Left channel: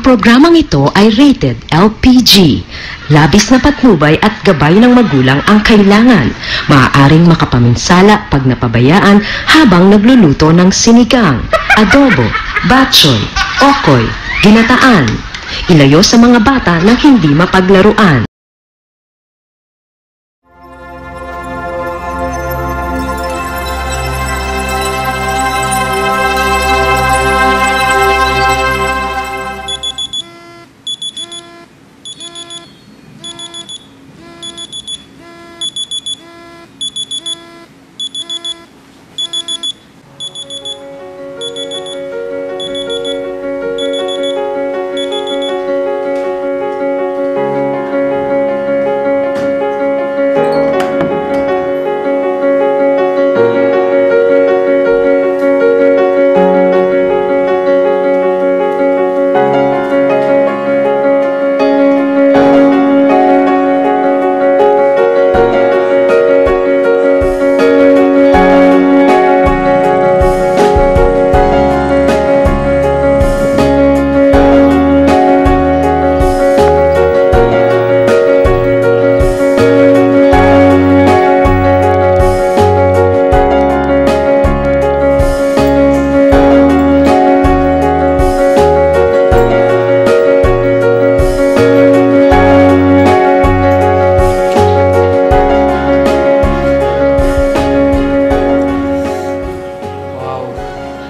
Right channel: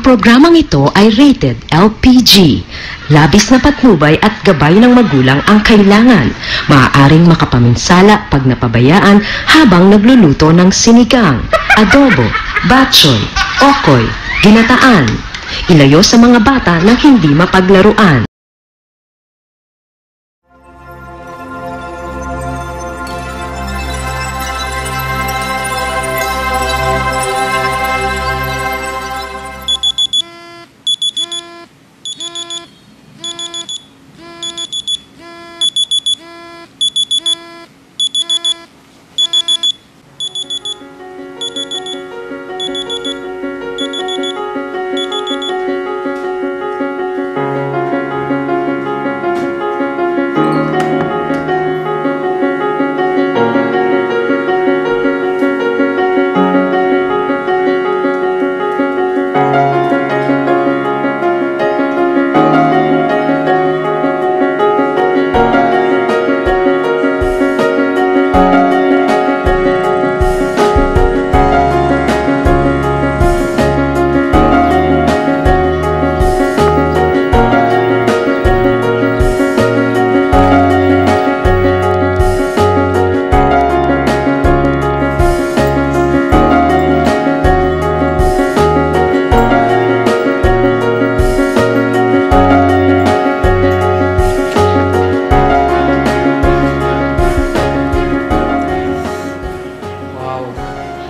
Ang programang ito ay rated LPG. Labis na patnubay at gabay ng magulang ang kailangan. Maaaring makapaminsala pag napabayaan habang nagluluto ng sinigang, adobo, batchoy, okoy, ginataan. Ilayo sa mga bata na hindi mapaglaruan.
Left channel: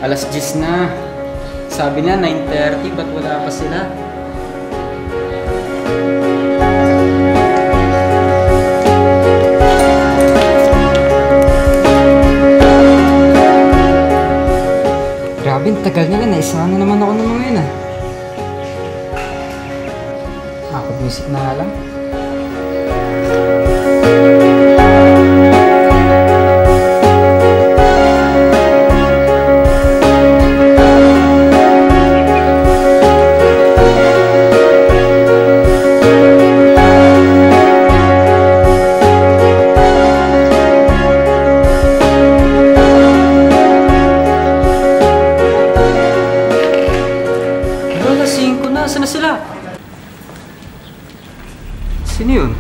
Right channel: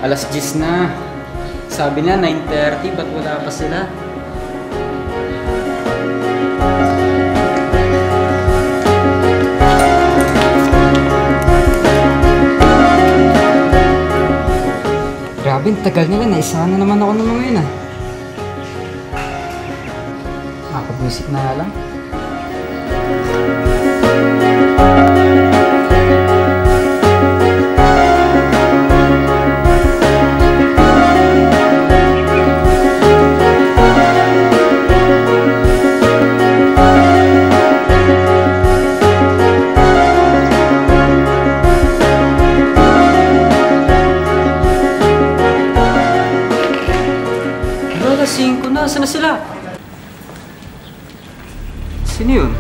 Alas 10 na. Sabi na 9:30, ba't wala pa sila? Grabe, tagal nila. Naisahan na naman ako ng mga yun ah. Makapag-music na lang. Alas 5 na. Saan na sila? Sino yun?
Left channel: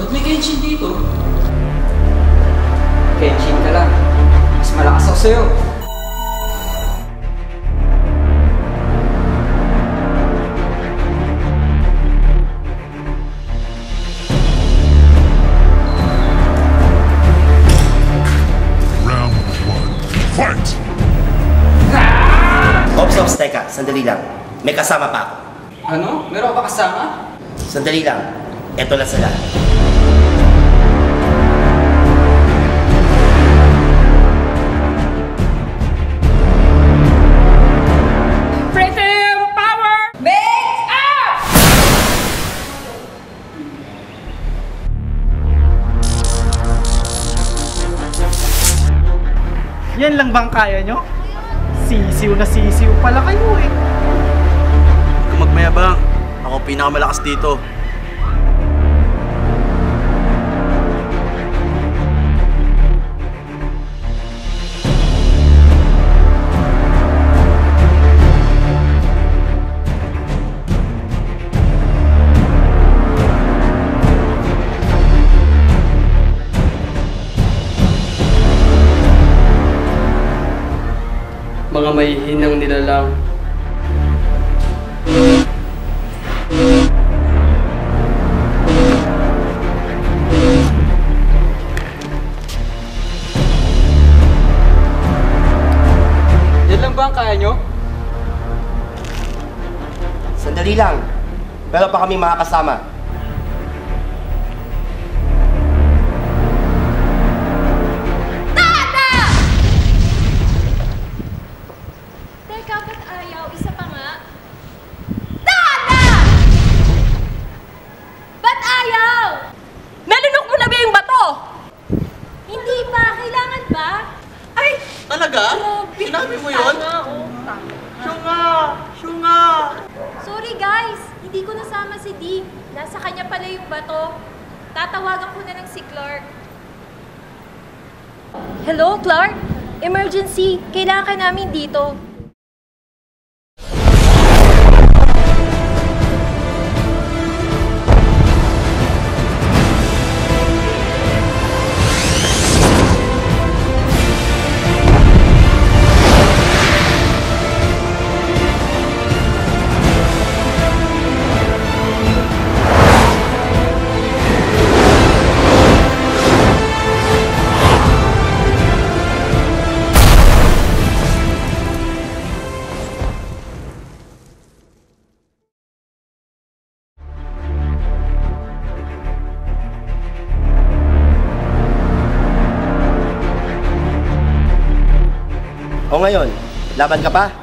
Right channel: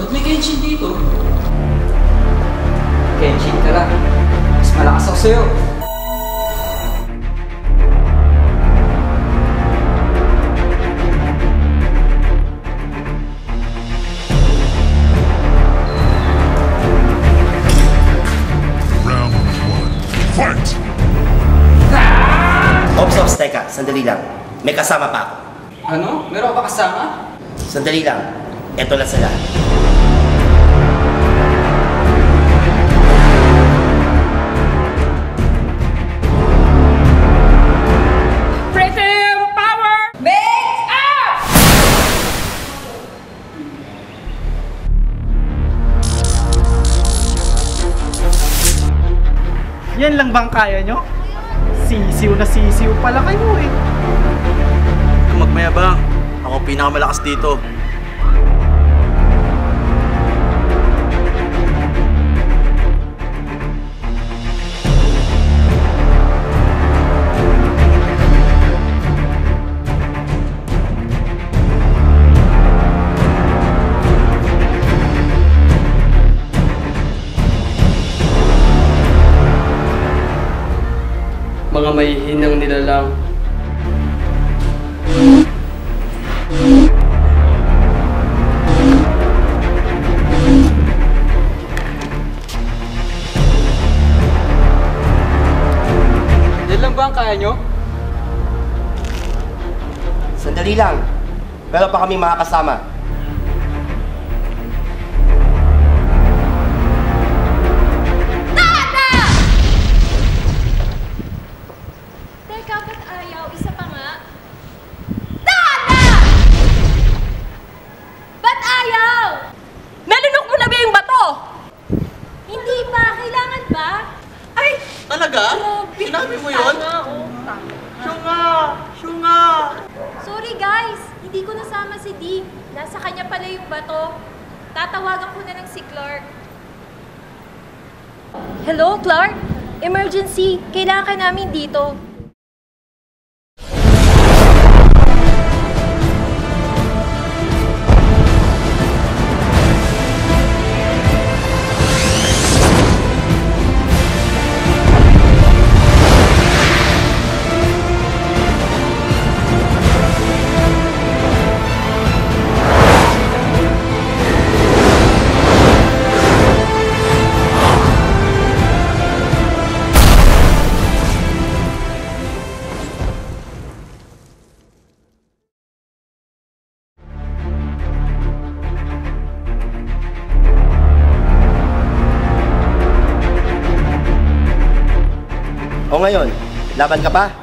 Ba't may Kenshin dito? Kenshin ka lang. Mas malakas ako sa'yo. Round 1. Fight! Ops, teka. Sandali lang. May kasama pa ako. Ano? Meron ka ba kasama? Sandali lang. Eto na sila. Yan lang bang kaya nyo? Sisiw na sisiw pala kayo eh. Kung magmayabang, ako pinakamalakas dito. Mga mahihinang nilalang. Yan lang ba ang kaya nyo? Sandali lang. Meron pa kami mga kasama. Talaga? Sinabi mo yun? Syunga! Sorry guys, hindi ko nasama si D. Nasa kanya pala yung bato. Tatawagan ko na lang si Clark. Hello, Clark? Emergency! Kailangan ka namin dito. O ngayon, laban ka pa?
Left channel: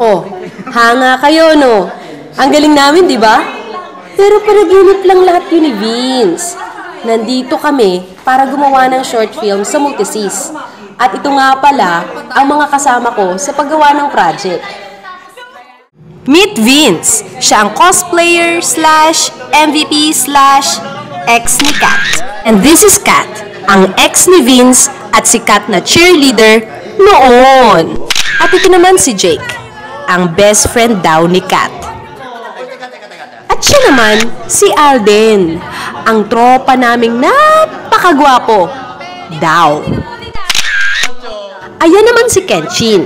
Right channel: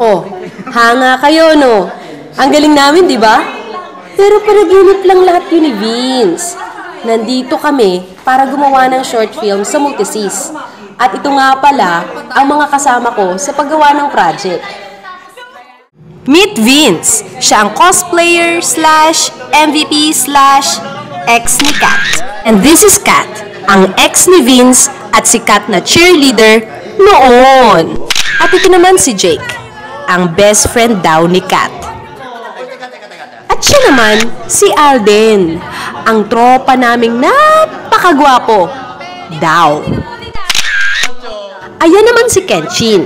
Oh, hanga kayo, no? Ang galing namin, di ba? Pero panaginip lang lahat yun ni Vince. Nandito kami para gumawa ng short film sa Multisis. At ito nga pala ang mga kasama ko sa paggawa ng project. Meet Vince. Siya ang cosplayer / MVP / ex ni Kat. And this is Kat, ang ex ni Vince at si Kat na cheerleader noon. At ito naman si Jake, ang best friend daw ni Kat. At siya naman si Alden, ang tropa naming napakagwapo daw. Ayan naman si Kenshin.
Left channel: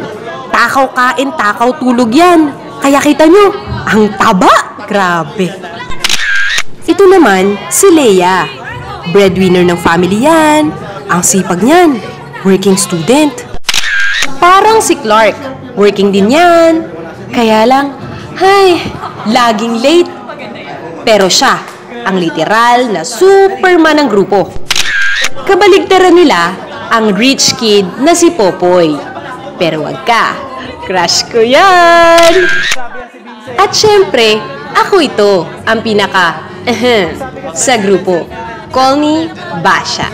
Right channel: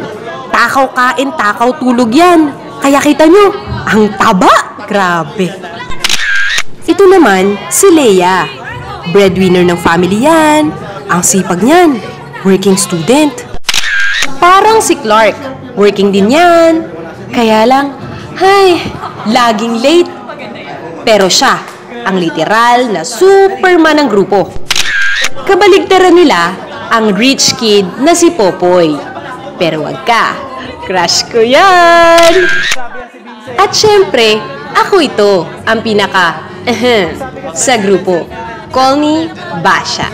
Takaw kain, takaw tulog yan. Kaya kita nyo, ang taba. Grabe. Ito naman si Leia. Breadwinner ng family yan. Ang sipag niyan. Working student. Parang si Clark. Working din yan. Kaya lang, laging late. Pero siya, ang literal na Superman ng grupo. Kabaligtaran nila ang rich kid na si Popoy. Pero wag ka, crush ko yan! At syempre, ako ito, ang pinaka sa grupo. Call me Basha.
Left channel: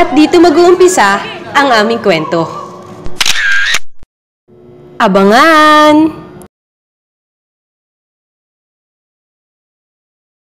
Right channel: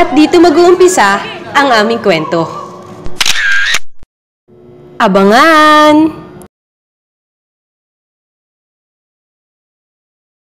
At dito mag-uumpisa ang aming kwento. Abangan!